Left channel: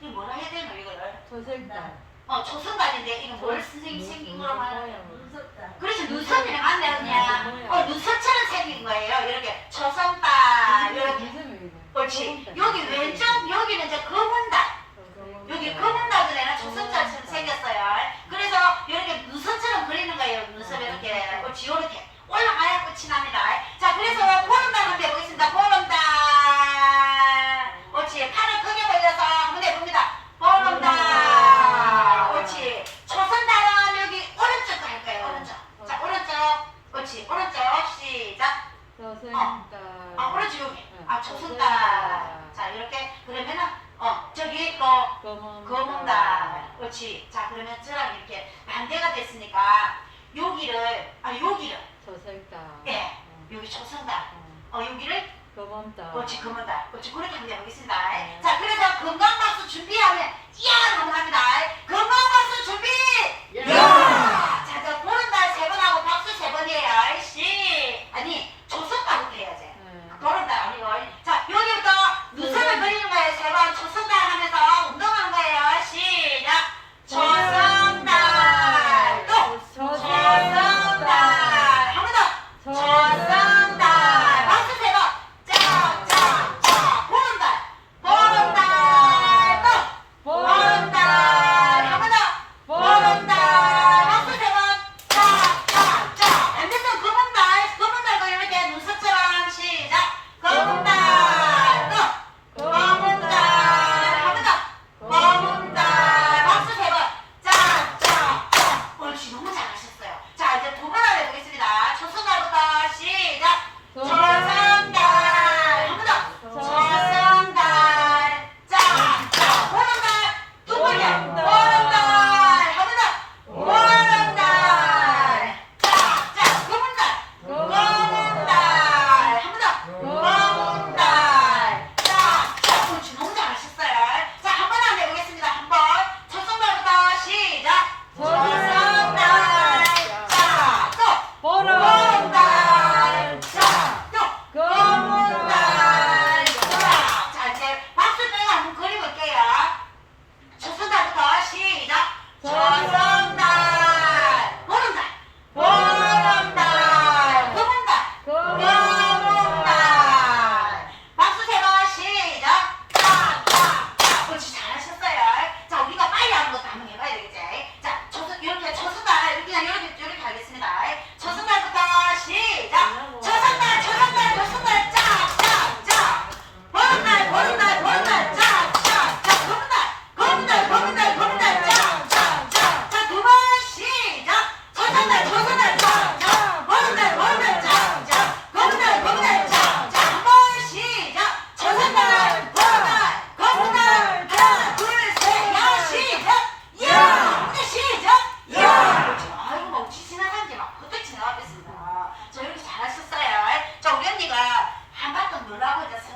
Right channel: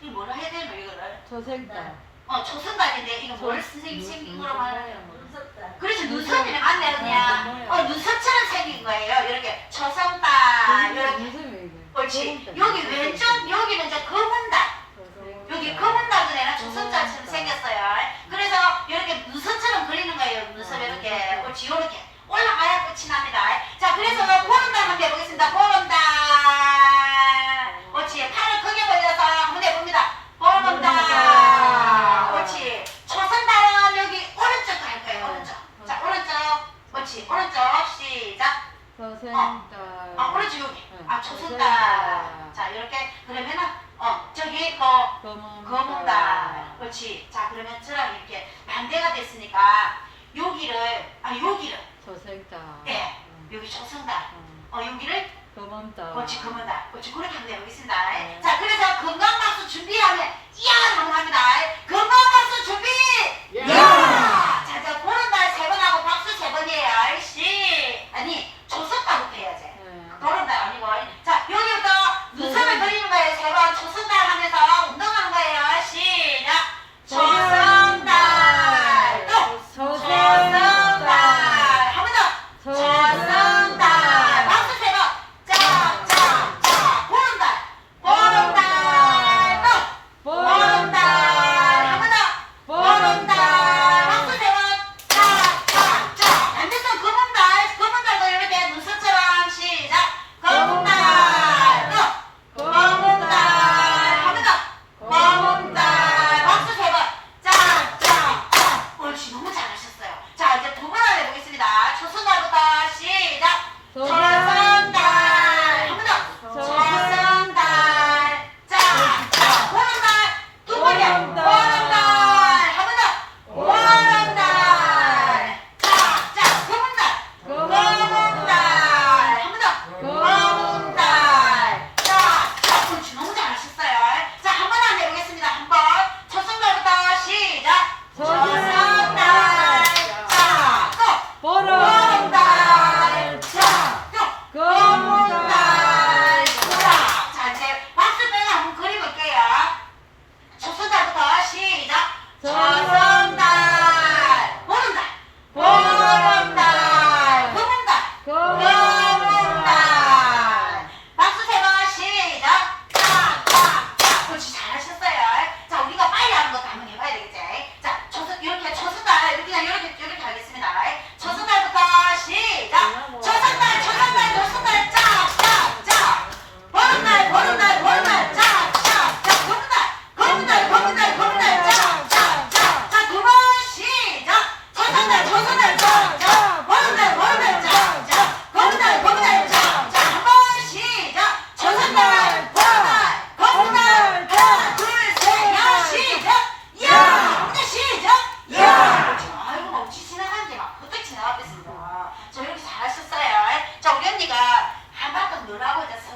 이거 뭐라 해야 되노 이거를? 초생달. 어 초선달인데 이거 뭐를? 선생님 생긴 거로 말하는 눈썹달. 그래서 눈썹이 맞네 그냥. 어 눈썹처럼 생긴 거예요. 이렇게 초성달 이렇게. 그렇지. 여기 왼쪽 여기는 이제 검은달. 여기 검은 나무에는 조선자처럼 생겼어요. 그래서 이렇게 눈썹처럼 그리는 거예요. 눈썹 이렇게 그렇지 이렇게 올라가야 끝이 납니다. 자 그래서 보름달 한번 해보겠습니다. 보름달 그렇지 팔을 크게 벌려서 한번 해봅니다. 보름달 그렇지 조선달은 여기 오른쪽 갈 거예요. 오른쪽 자 오른쪽 그렇지 오른쪽 초생달. 아 오른쪽 여기 아 조선달 자 이렇게 그러면은 어 저기 뭐 검은다. 그렇지. 자, 그러면 저랑 이렇게 반대가 됐으니까 여기를, 아, 여기를, 초생달. 예, 여기 초승달. 어, 여기를, 검은달. 그렇지, 검은달. 그렇지, 그렇게 한번 해보겠습니다. 네. 자, そそのぶたーだ。ドラを出す。